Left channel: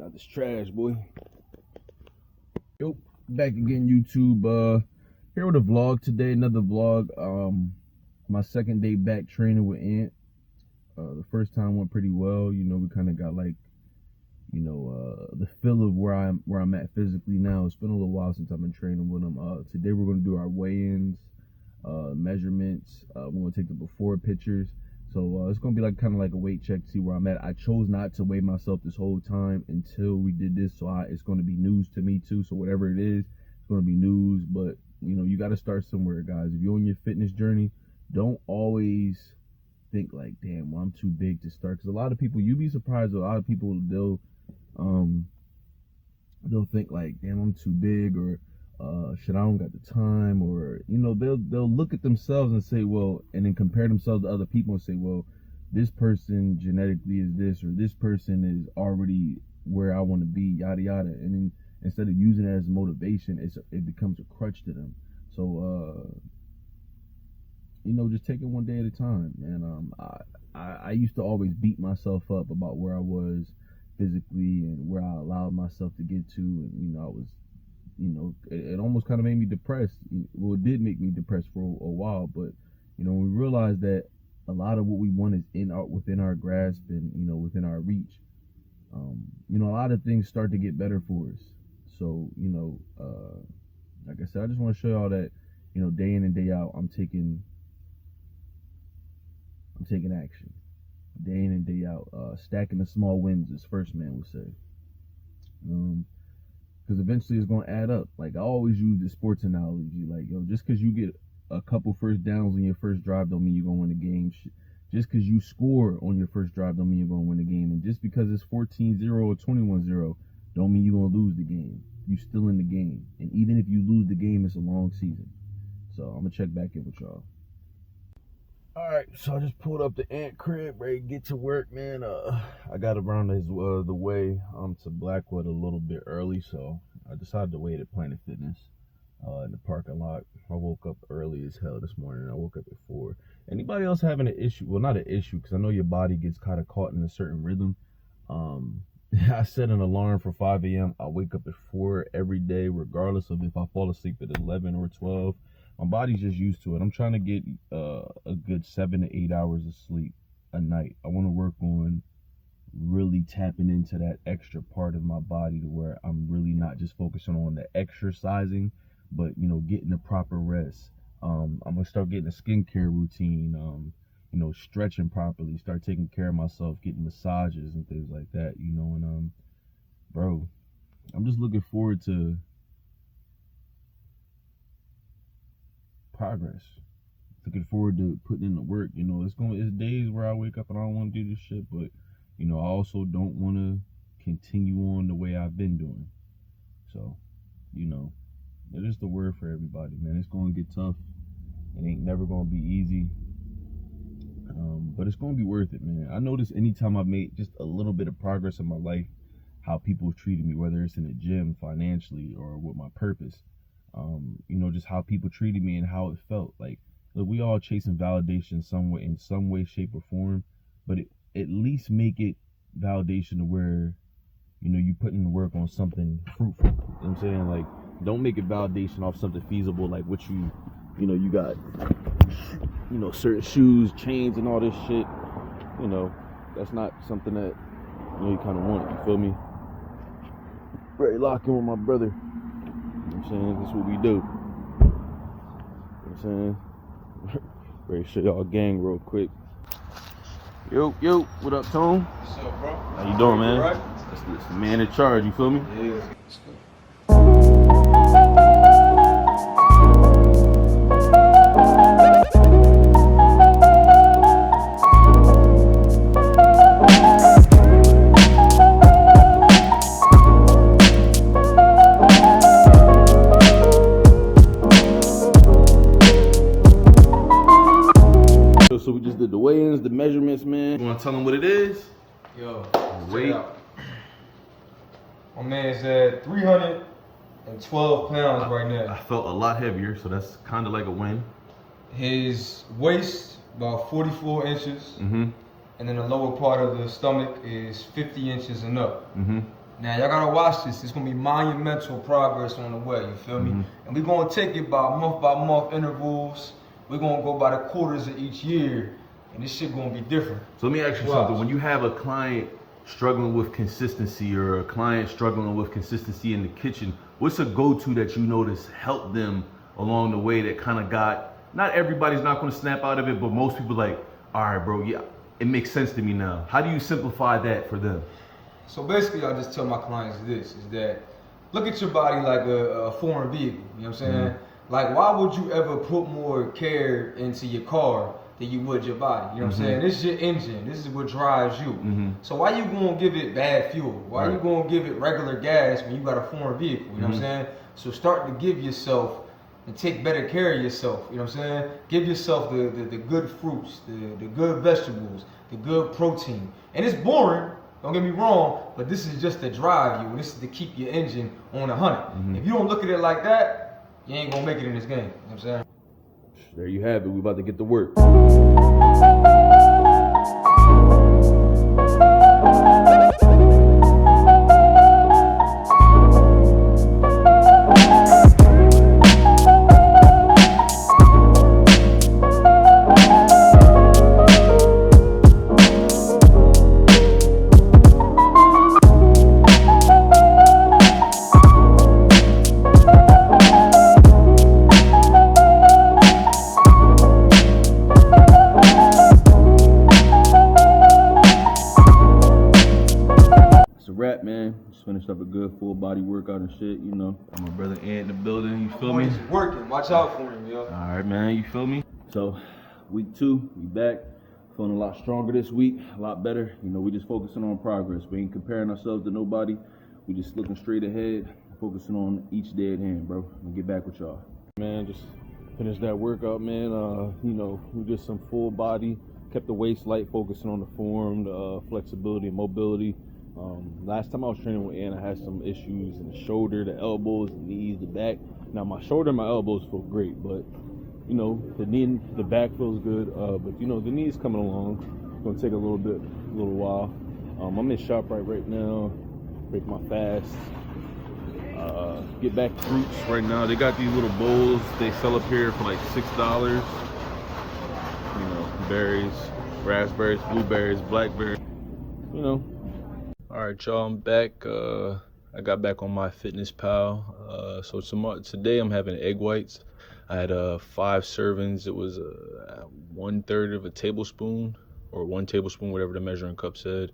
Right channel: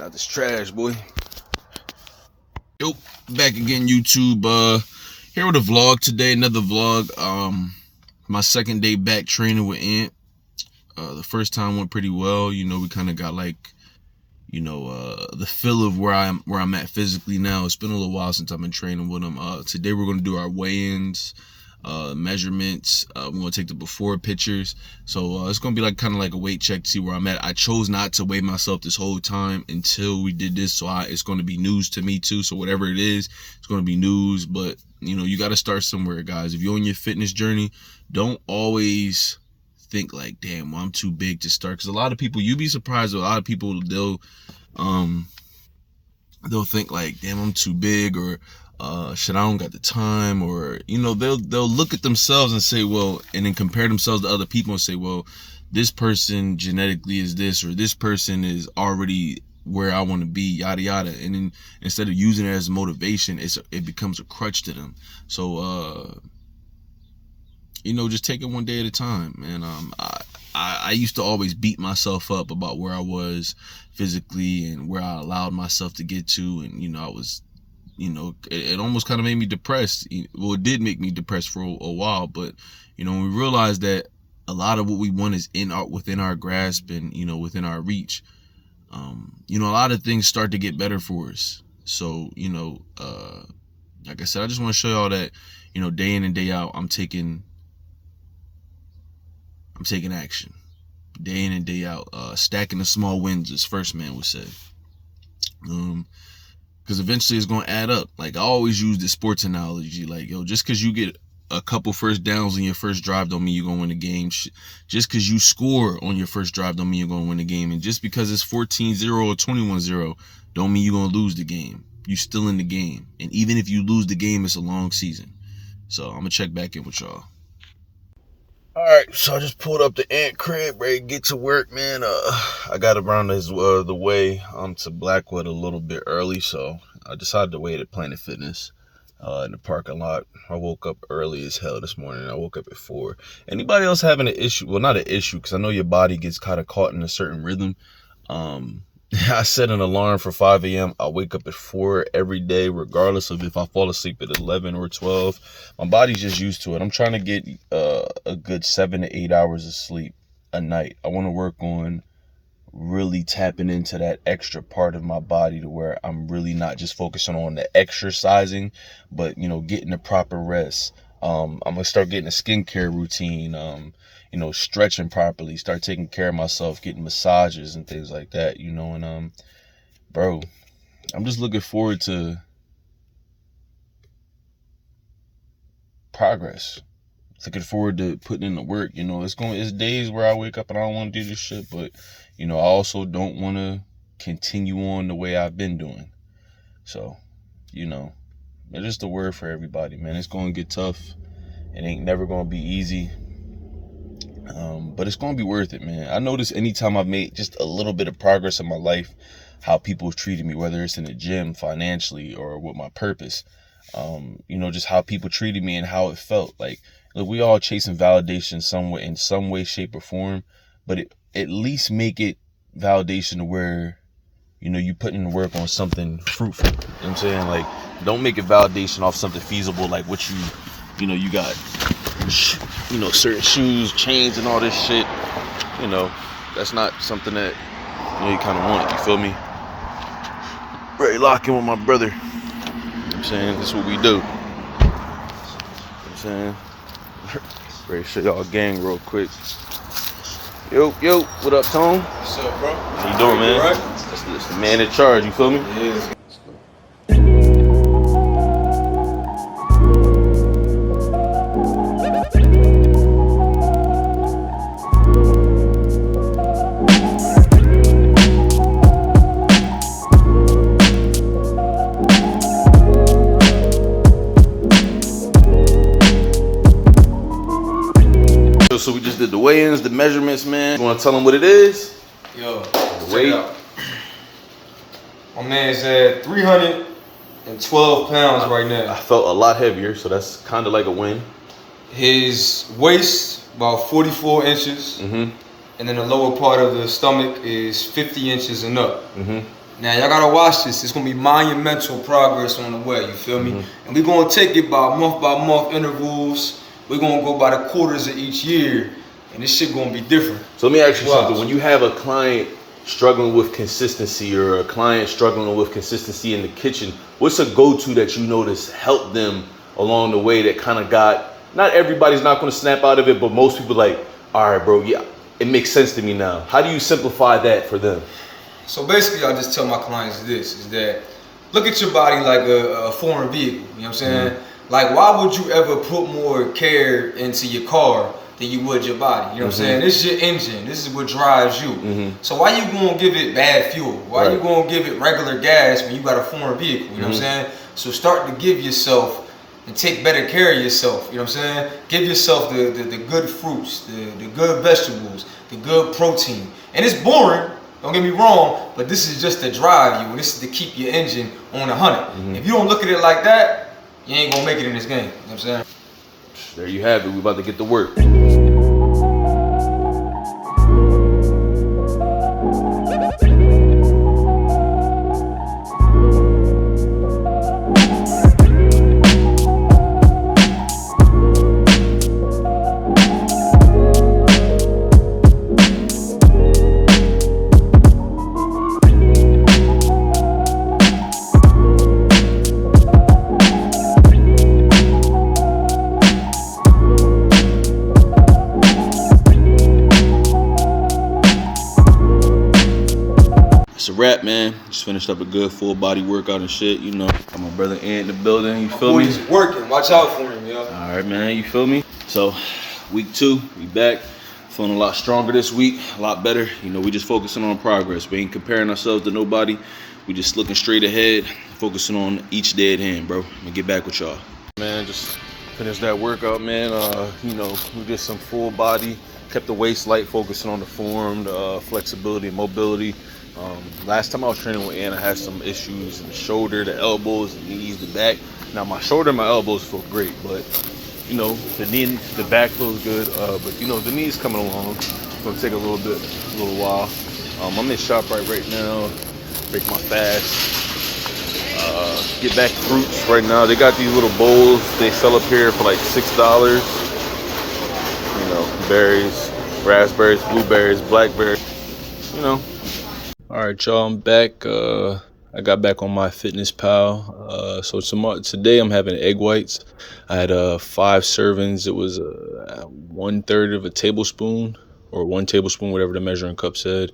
Get out this trash, boy. Yo, back again, YouTube. Here with a vlog today, another vlog. My second day back training with Ant. The first time went pretty well. You know, we kind of got like, the feel of where I'm at physically now. It's been a little while since I've been training with him. Today we're gonna do our weigh-ins, measurements. We're gonna take the before pictures. So it's gonna be like kind of like a weight check to see where I'm at. I chose not to weigh myself this whole time until we did this, so it's gonna be news to me too. So whatever it is, it's gonna be news. But you got to start somewhere, guys. If you're on your fitness journey, don't always think like, damn, well, I'm too big to start. Because a lot of people, you'd be surprised, a lot of people, they'll think like, damn, I'm too big, or shit, I don't got the time, or they'll look at themselves and say, well, and then compare themselves to other people and say, well, this person genetically is this, or this person is already where I want to be, yada yada. And then instead of using it as motivation, it becomes a crutch to them. So just take it one day at a time. And I used to always beat myself up about where I was physically and where I allowed myself to get to, and I was, it almost kind of made me depressed. Well, it did make me depressed for a while, but when we realized that a lot of what we want is within our grasp and within our reach, a lot of things start to get better for us. So like I said, I just want to show y'all that day in and day out, I'm taking action, day in and day out, stacking the small wins, as First Man would say. Because eventually it's going to add up. Like, I always use the sports analogy, like, just because you get a couple first downs on your first drive don't mean you're going to win the game. Just because you score on your first drive don't mean you're going to win the game. And just because it's 14-0 or 21-0 don't mean you're going to lose the game. You're still in the game. And even if you lose the game, it's a long season. So I'm going to check back in with y'all. All right, so I just pulled up the Ant crib, ready to get to work, man. I got around the way to Blackwood a little bit early, so I decided to wait at Planet Fitness in the parking lot. I woke up early as hell this morning. I woke up at 4. Anybody else having an issue? Well, not an issue, because I know your body gets kind of caught in a certain rhythm. I set an alarm for 5 a.m. I wake up at 4 every day, regardless of if I fall asleep at 11 or 12. My body's just used to it. I'm trying to get a good 7 to 8 hours of sleep a night. I want to work on really tapping into that extra part of my body to where I'm really not just focusing on the exercising, but, getting the proper rest. I'm going to start getting a skincare routine, stretching properly, start taking care of myself, getting massages and things like that, and bro, I'm just looking forward to progress. Looking forward to putting in the work. It's days where I wake up and I don't want to do this shit, but I also don't want to continue on the way I've been doing. So, it's just a word for everybody, man. It's going to get tough. It ain't never going to be easy. But it's going to be worth it, man. I notice anytime I've made just a little bit of progress in my life, how people have treated me, whether it's in the gym, financially, or with my purpose, just how people treated me and how it felt. Like, look, we all chasing validation in some way, shape, or form, but at least make it validation to where, you put in the work on something fruitful. You know what I'm saying? Like, don't make it validation off something feasible, like what you got, certain shoes, chains, and all this shit. That's not something that, you kind of want. You feel me? Ready to lock in with my brother. You know what I'm saying? That's what we do. You know what I'm saying? Ready to show y'all gang real quick. Yo, what up, Tone? What's up, bro? How you doing, man? Right? That's the man in charge, you feel me? Yeah. So we just did the weigh-ins, the measurements, man. You want to tell them what it is? Yo, The weight. My man's at 312 pounds right I now. felt a lot heavier, so that's kind of like a win. His waist about 44 inches, Mm-hmm. and then the lower part of the stomach is 50 inches and up. Mm-hmm. Now y'all gotta watch this. It's gonna be monumental progress on the way. You feel me? And we're gonna take it by month intervals. We're gonna go by the quarters of each year, and this shit gonna be different. So let me ask you Watch. something. When you have a client struggling with consistency or a client struggling with consistency in the kitchen, what's a go-to that you notice helped them along the way that kind of got, not everybody's not going to snap out of it, but most people like, all right, bro, yeah, it makes sense to me now. How do you simplify that for them? So basically, I just tell my clients this, is that look at your body like a foreign vehicle, you know what I'm saying? Like, why would you ever put more care into your car than you would your body? You know what I'm saying? This is your engine. This is what drives you. So why you gonna give it bad fuel? Why you gonna give it regular gas when you got a foreign vehicle? You know what I'm saying? So start to give yourself and take better care of yourself. You know what I'm saying? Give yourself the good fruits, the good vegetables, the good protein. And it's boring, don't get me wrong, but this is just to drive you. This is to keep your engine on 100. If you don't look at it like that, you ain't gonna make it in this game. You know what I'm saying? There you have it. We about to get to work. It's a wrap, man. Just finished up a good full body workout and shit, you know. Got my brother Ant in the building, you feel me? Boy's working. Watch out for him, yo. All right, man, you feel me? So, week 2, we back. Feeling a lot stronger this week, a lot better. You know, we just focusing on progress. We ain't comparing ourselves to nobody. We just looking straight ahead, focusing on each day at hand, bro. I'm gonna get back with y'all. Man, just finished that workout, man. You know, we did some full body, kept the waist light, focusing on the form, the flexibility and mobility. Last time I was training with Ann, I had some issues in the shoulder, the elbows, the knees, the back. Now my shoulder and my elbows feel great, but you know, the knee, the back feels good. But you know, the knee's coming along. It's gonna take a little while. I'm in ShopRite right now, break my fast. Get back fruits right now. They got these little bowls they sell up here for like $6. You know, berries, raspberries, blueberries, blackberries, you know. All right, y'all, I'm back. I got back on MyFitnessPal. So today I'm having egg whites. I had 5 servings. It was 1/3 of a tablespoon, or 1 tablespoon, whatever the measuring cup said.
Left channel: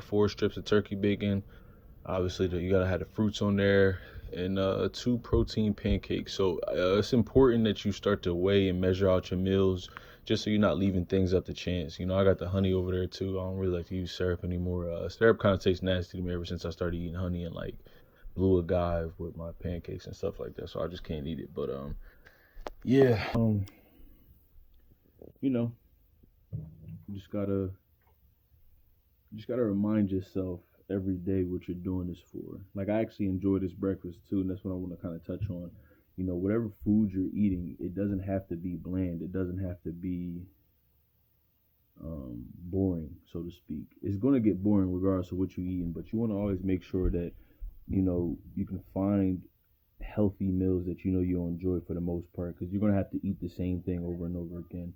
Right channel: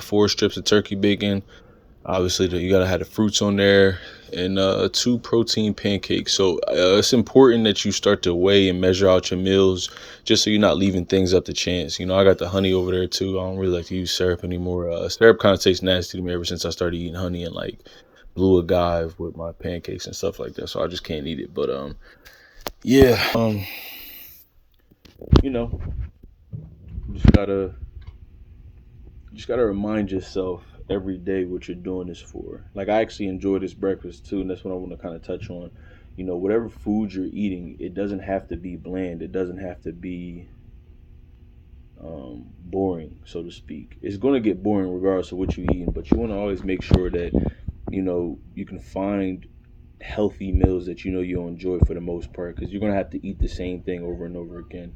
4 strips of turkey bacon. Obviously, you gotta have the fruits on there, and 2 protein pancakes. So it's important that you start to weigh and measure out your meals, just so you're not leaving things up to chance. You know, I got the honey over there too. I don't really like to use syrup anymore. Syrup kind of tastes nasty to me ever since I started eating honey and like blue agave with my pancakes and stuff like that. So I just can't eat it. But yeah, you know, you just gotta remind yourself every day what you're doing this for. Like, I actually enjoy this breakfast too, and that's what I want to kind of touch on. You know, whatever food you're eating, it doesn't have to be bland. It doesn't have to be boring, so to speak. It's going to get boring regardless of what you're eating, but you want to always make sure that, you know, you can find healthy meals that you know you'll enjoy for the most part, because you're going to have to eat the same thing over and over again,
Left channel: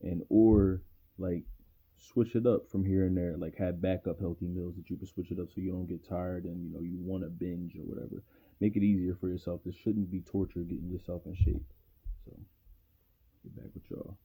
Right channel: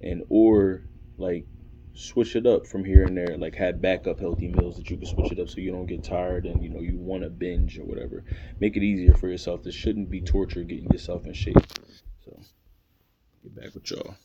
and or like switch it up from here and there. Like, have backup healthy meals that you can switch it up so you don't get tired and, you know, you want to binge or whatever. Make it easier for yourself. This shouldn't be torture getting yourself in shape. So get back with y'all.